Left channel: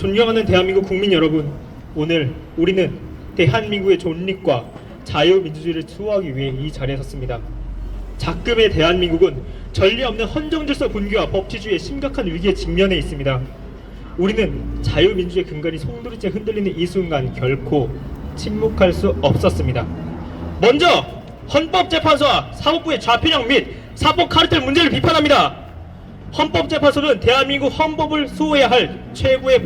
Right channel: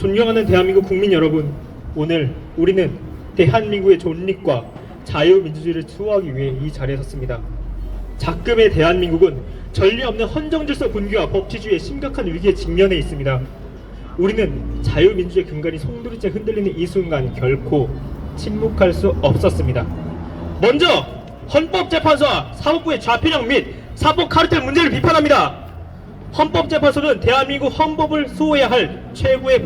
존경하는 대한민국 국민 여러분, 오늘 우리는 대한민국의 존립과 자유민주주의를 수호하기 위해 이 자리에 섰습니다. 작금의 대한민국은 전례 없는 헌정질서 붕괴와 법치주의의 심각한 위기에 직면해 있습니다. 우리는 자유민주주의 근간이 송두리째 흔들리는 이 순간 결코 침묵할 수 없었습니다. 먼저 헌법재판소와 사법부의 좌편향 및 사법 카르텔 문제를 비판합니다. 헌법재판소는 대한민국 헌법을 수호해야 할 최후의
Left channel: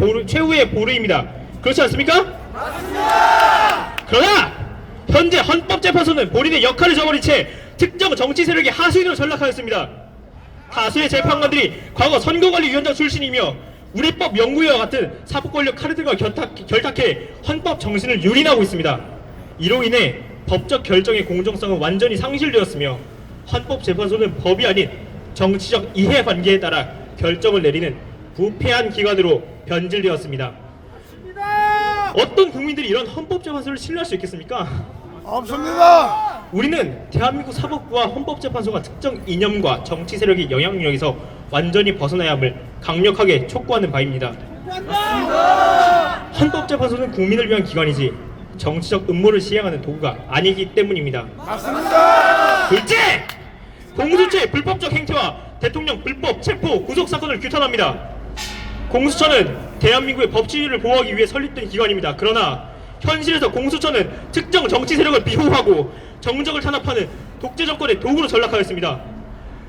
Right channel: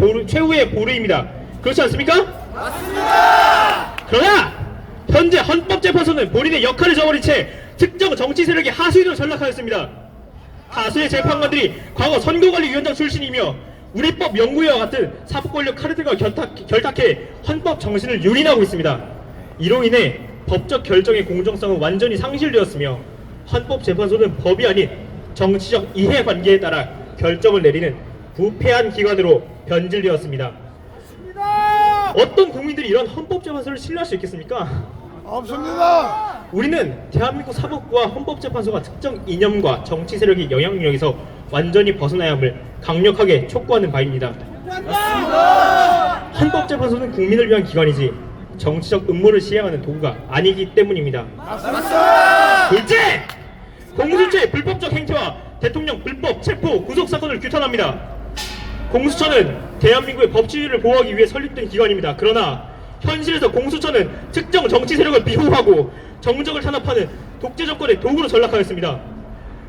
보루입니다. 그렇지 않습니까? 맞습니다. 그러나 현재 헌법재판소는 본인의 역할을 저버린 채 특정 정치 세력의 하수인으로 전락하였습니다. 다수의 재판관들이 과거 선거관리위원장 출신이며 우리법 연구위와 같은 사법권력 카르텔과 결탁해 헌법 정신을 유린하고 있습니다. 이로 인해 법적 결정의 공정성은 완전히 상실되었으며 헌법재판소는 법이 아닌 정치적 이해관계에 따라 결정을 내리는 부패한 기관으로 변질되었습니다. 맞습니다. 어떤 국민들이 이런 헌법재판소를 신뢰할 수 있겠습니까? 없습니다. 우리는 대한민국 사법부와 헌법재판소가 특정 이념과 정치 세력의 영향력에서 완전히 벗어나야 함을 강력하게 촉구하는 바입니다. 맞습니다. 헌법재판소는 국민을 위한 기관이지 정치적 음모를 시행하는 도구가 아니기 때문입니다. 맞습니다. 둘째! 공수처의 불법적 행태와 대통령 불법 체포 구속 사건을 규탄합니다. 공수처는 대한민국의 법치주의를 보호하기 위해 설립된 기관입니다. 그러나 현실에서 공수처는 특정 정치 세력을 비호하고 정적을 탄압하는 독재 정권의 도구로 전락하였습니다.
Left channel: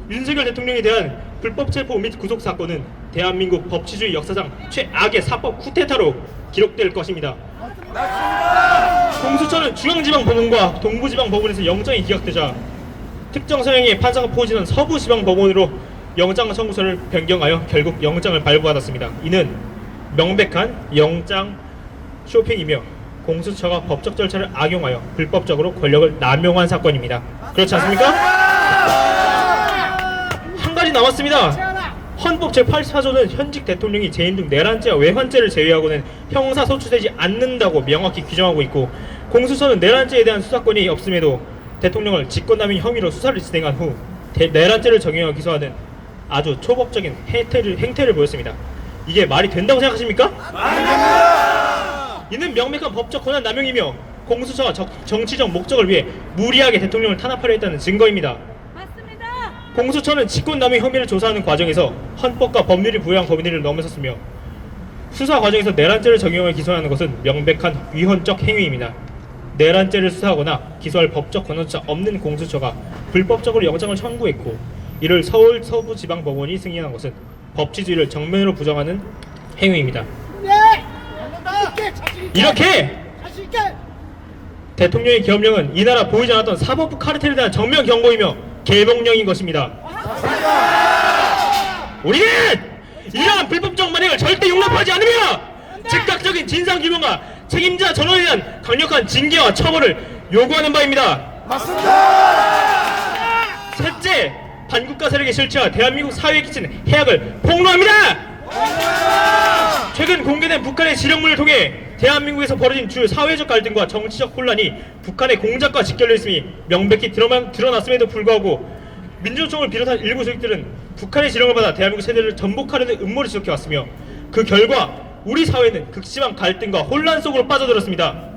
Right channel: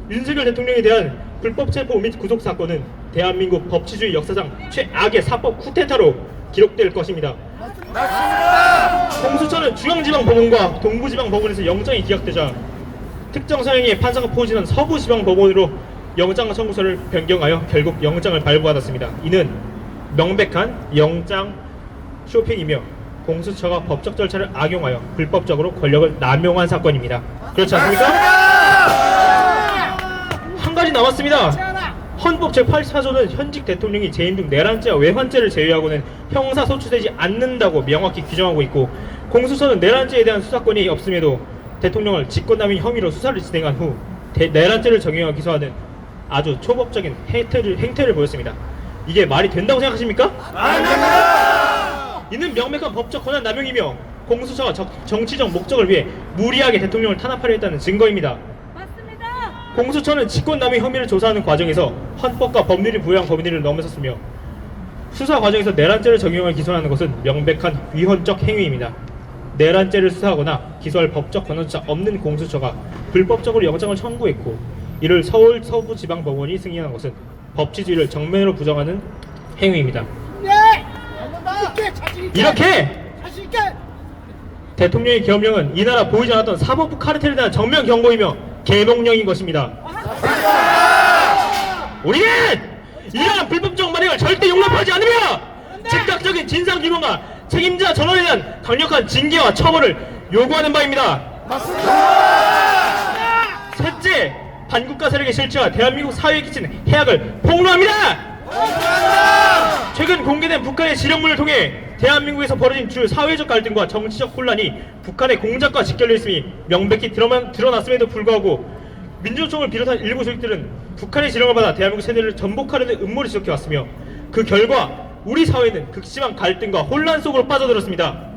윤석열 대통령에 대한 불법 체포 및 구속 사건은 대한민국 법치주의 역사상 최악의 사법 쿠데타로 기록될 것입니다. 공수처는 중앙지방법원과 동부지방법원에서 영장이 기각되자 특정 사형의 판사가 포진한 서부지방법원으로 영장 청구서를 변경하여 결국 영장을 발부받았습니다. 이는 명백한 영장 쇼핑이며 공수처가 법적 절차를 악용하여 불법적으로 권력을 남용한 사건입니다. 그렇지 않습니까? 한 가지 남았습니다. 헌법 제84조는 현직 대통령이 재임 등 내란죄와 외환죄를 제외하고는 형사소추되지 않는다고 명확히 규정하고 있고, 공수처는 내란죄에 대한 수사권이 없음에도 대통령을 직권남용 혐의로 수사를 진행한 후 내란죄를 적용하여 기소하는 아주 초법적인 행태를 보였습니다. 이게 말이 된다고 생각하십니까? 이는 명백한 법적 권한 남용이며 공수처가 정치적 목적을 위해 무리하게 대통령을 탄압하려 했다는 증거입니다. 맞습니다. 공수처는 직권남용 혐의를 조사하는 과정에서 헌법과 법률이 부여한 범위를 넘어섰으며 수사 과정에서 내란죄를 적용하여 기소하는 것은 명백한 위헌적 행위입니다. 내란죄를 수사하거나 기소할 법적 권한조차 없는 공수처가 불법적으로 영장을 청구했고, 이를 서울 서부지방법원이 승인한 것은 법치주의를 정면으로 부정하는 행위입니다. 이렇게 대통령의 계엄령은 이 나라 보이지 않았던 사법부 카르텔에 대한 정면 경고이며 개몽령인 것입니다. 우리는 이러한 불법적 만행을 절대 용납하지 않으며 즉각적인 진상규명과 책임자 전원에 대한 강력한 징계와 처벌을 요구하는 바입니다. 맞습니다. 셋째, 반국가 세력의 실체와 대한민국 사회에 끼친 해악을 폭로합니다. 최근 공개된 북한의 지령문을 통해 대한민국에서 벌어진 주 사회적 갈등과 정치적 혼란이 북한의 공작과 직결되어 있음이 명백히 드러났음에도 불구하고 민주노총을 비롯한 일부 조직들은 북한의 지령을 받아 대한민국 세대를 전복하려는 음모를 지속해왔으며, 그 결과 우리 사회는 극심한 갈등과 혼란 속으로 빠져들었습니다.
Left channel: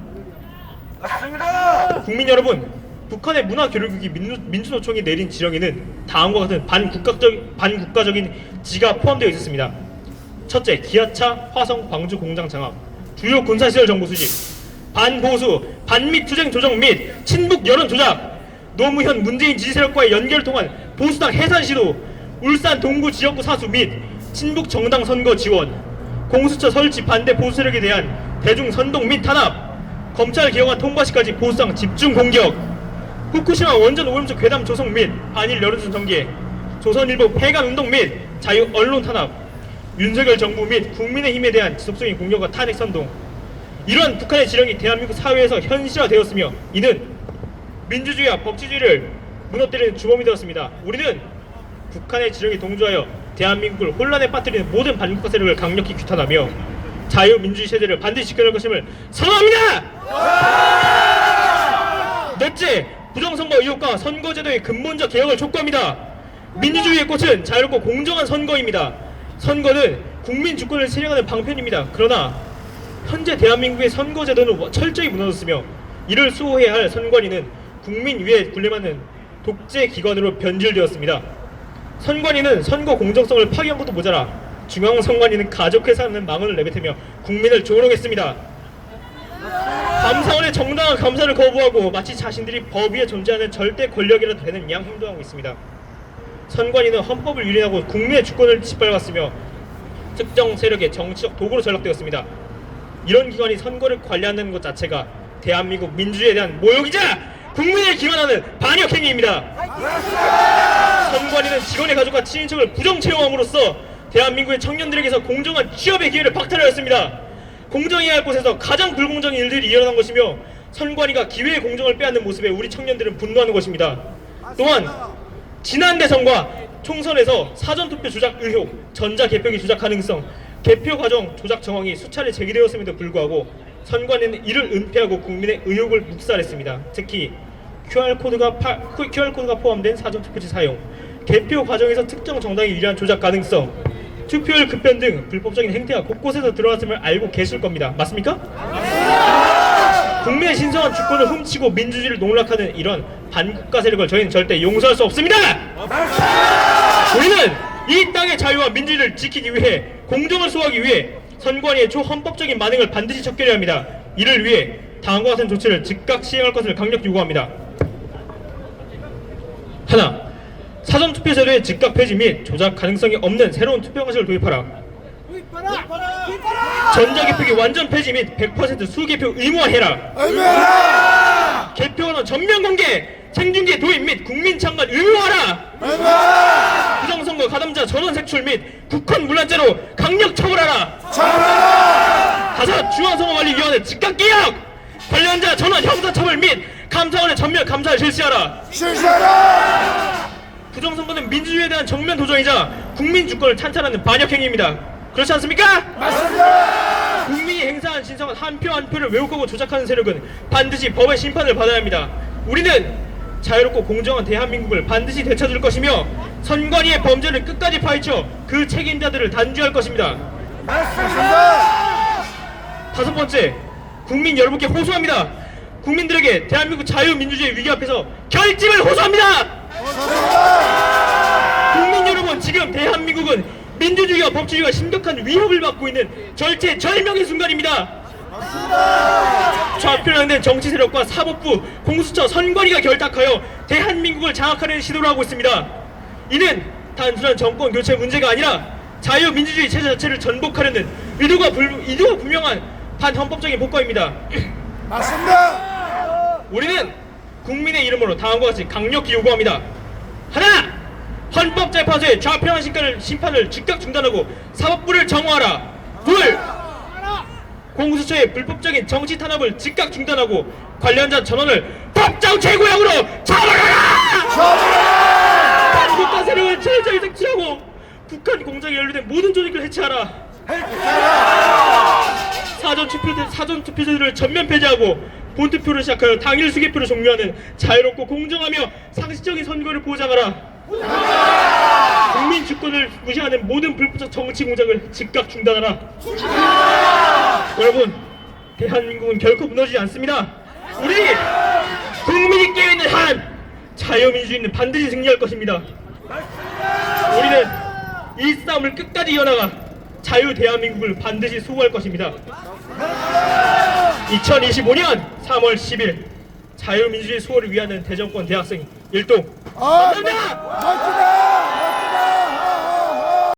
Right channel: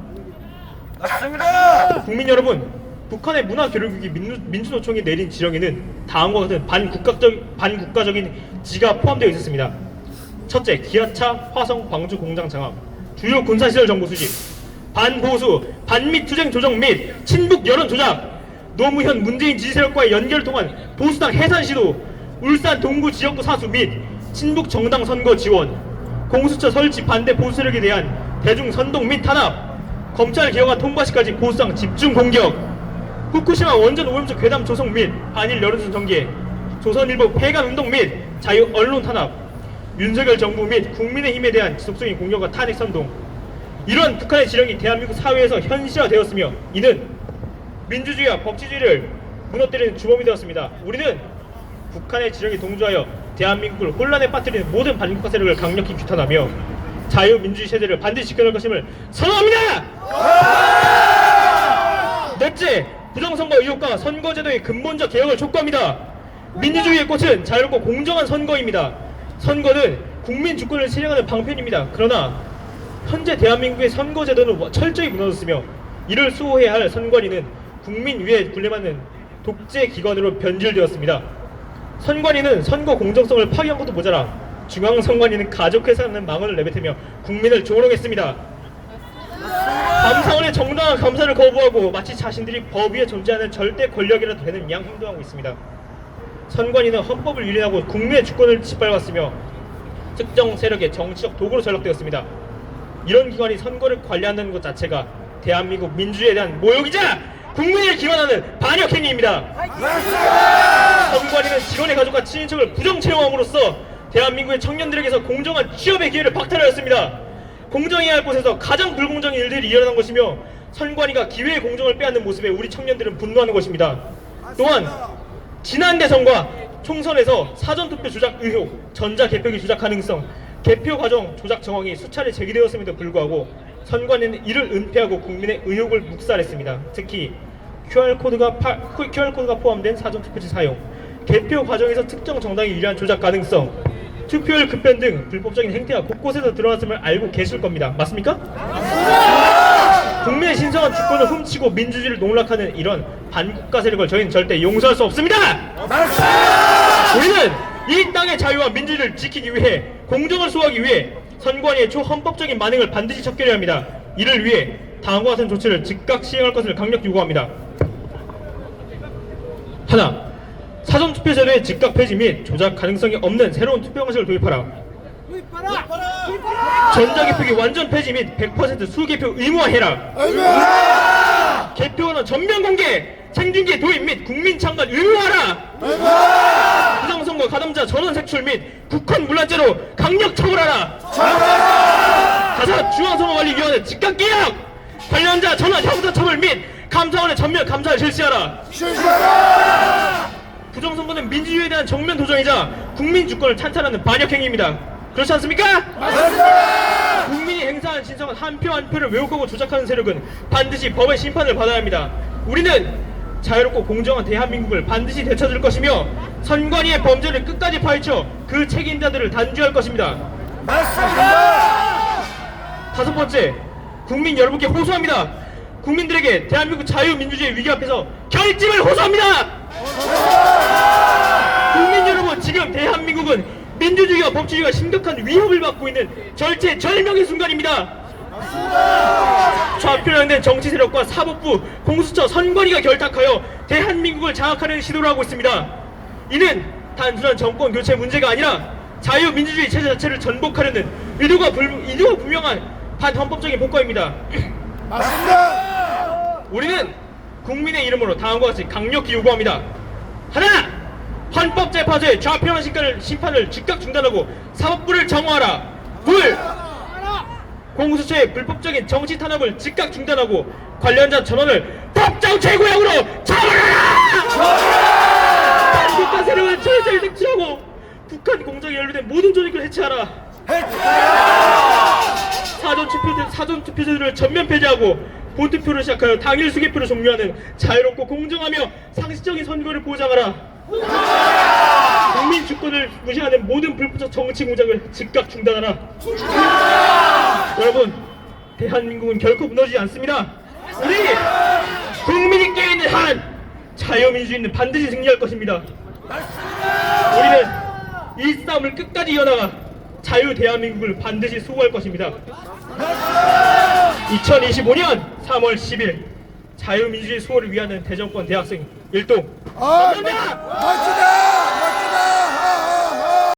맞습니다. 국민 여러분, 북한의 문화교류국이 민주노총이 내린 지령에는 다음과 같은 반국가적인 지가 포함되어 있었습니다. 첫째, 기아차, 화성, 광주 공장 장악, 주요 군사시설 정보 수집, 반보수, 반미 투쟁 조정 및 친북 여론 조작, 노무현 문재인 지지 세력과의 연결을 통한 보수당 해산 시도, 울산 동구 지역구 사수 및 친북 정당 선거 지원, 공수처 설치 반대 보수 세력에 대한 대중 선동 및 탄압, 검찰 개혁안 통과시까지 보수당 집중 공격, 후쿠시마 원전 오염수 괴담 조성 및 한일 여론조선 전개, 조선일보 폐간 운동 및 자유 언론 탄압, 윤석열 정부 및 국민의힘에 대한 지속적인 공격과 탄핵 선동, 이러한 북한의 지령이 대한민국 사회에서 현실화되었으며 이는 민주주의와 법치주의를 무너뜨리는 주범이 되었습니다. 우리는 북한의 지령에 동조하여 대한민국을 혼란에 빠뜨리는 모든 반국가 세력을 강력히 규탄하며 자유민주주의 세대를 반드시 지켜낼 것임을 선언합니다. 넷째, 부정선거 의혹과 선거제도의 근본적 개혁을 촉구합니다. 민주주의의 꽃은 자유롭고 공정한 선거입니다. 선거는 국민 주권을 실행하는 방편입니다. 그러나 현재 대한민국의 선거제도는 철저히 무너졌으며 이를 수호해야 할 선관위는 국민 위에 군림하는 독재 기관으로 변질되었습니다. 선관위는 선거 공정성을 파괴한 것도 모자라 중앙선관위는 가족회사라는 망언을 내뱉으며 국민을 조롱했습니다. 감사원의 정당한 감사를 거부하고 마치 자신들이 법 위에 존재하는 절대 권력이라도 되는 양 행동하고 있습니다. 선관위는 헌법을 유린하고 국민의 주권을 짓밟았으며 특정 세력의 정치적 도구로 전락되었습니다. 이런 기관이 선거를 관리한다는 것 자체가 대한민국 민주주의에 대한 모욕이자 국민을 기만하는 반역 행위입니다. 선관위는 직원의 가족과 친인척을 부정 채용함으로써 대한민국의 청년들에게서 공정한 취업의 기회를 박탈하였습니다. 공정해야 할 곳에서 가장 불공정한 일들이 일어난 것이며 선관위가 기회의 공정을 빼앗는 모습에 우리 청년들은 분노하는 것입니다. 또한 지난 대선과 총선에서 사전투표 조작 의혹, 전자개표기 조작 가능성, 개표 과정 조작 정황이 수차례 제기되었음에도 불구하고 선관위는 이를 은폐하고 국민의 의혹을 묵살했습니다. 특히 QR코드가 포함된 사전투표지 사용, 개표 과정에서 특정 정당이 유리한 조작 가능성, 투표율 급변 등 불법적인 행태가 곳곳에서 드러났음을 알고 계실 겁니다. 맞습니까? 국민의 신성한 주권을 훔치고 민주주의를 농락하는 이런 반국가 세력을 저희는 절대 용서할 수 없습니다. 우리는 이 땅의 자유와 민주주의를 지키기 위해 공정을 수호하기 위해 선관위의 초헌법적인 만행을 반드시 척결해야 합니다. 이를 위해 다음과 같은 조치를 즉각 시행할 것을 강력 요구합니다. 하나, 사전투표 제도의 즉각 폐지 및 조작 가능성이 없는 새로운 투표 방식을 도입하라. 전자개표기 완전 폐지 및 100% 수개표 의무화해라. 개표는 전면 공개, 생중계 도입 및 국민 참관 의무화하라. 부정선거 가담자 전원 색출 및 국헌 문란죄로 강력 처벌하라. 다섯, 중앙선거관리위원회 즉각 개혁, 관련자 전원 형사처벌 및 감사원의 전면 감사를 실시하라. 부정선거는 민주주의에 대한 정면 도전이자 국민 주권을 탄탄하는 반역행위입니다. 그렇지 않습니까? 맞습니다. 국민이 행사한 신성한 한 표 한 표를 왜곡하고 조작하는 세력은 반드시 법의 심판을 받아야 합니다. 우리는 자유롭고 공정한 대한민국을 반드시 되찾을 것이며 선관위의 범죄를 끝까지 파헤쳐 그 책임자들을 단죄할 것입니다. 맞습니다. 다섯 번째, 국민 여러분께 호소합니다. 국민들에게 대한민국 자유민주주의 위기 앞에서 결집을 호소합니다. 국민 여러분, 지금 대한민국은 민주주의와 법치주의가 심각한 위협을 받고 있는 절체절명의 순간입니다. 좌편향된 정치 세력과 사법부, 공수처, 선관위가 결탁하여 대한민국을 장악하려는 시도를 하고 있습니다. 이는 단순한 정권 교체 문제가 아니라 자유민주주의 체제 자체를 전복하려는 의도가 분명한 반헌법적인 복과입니다. 맞습니다. 우리는 국민의 이름으로 다음과 같이 강력히 요구합니다. 하나, 헌법재판소의 좌편향 심판을 즉각 중단하고 사법부를 정화하라. 둘, 공수처의 불법적인 정치 탄압을 즉각 중단하고 관련자 전원을 법정 최고형으로 처벌하라. 국가 세력을 철저히 색출하고 북한 공작에 연루된 모든 조직을 해체하라. 사전투표제도를 전면 폐지하고 본투표를 시작하여 당일 수개표를 종료하는 자유롭고 공정하며 상식적인 선거를 보장하라. 국민 주권을 무시하는 모든 불법적 정치 공작을 즉각 중단하라. 여러분, 대한민국은 결코 무너지지 않습니다. 우리 국민이 깨어있는 한 자유민주주의는 반드시 승리할 것입니다. 우리는 이 싸움을 끝까지 이어나가 자유 대한민국을 반드시 수호할 것입니다. 2025년 3월 10일 자유민주주의 수호를 위하는 대전권 대학생 일동. 맞습니다.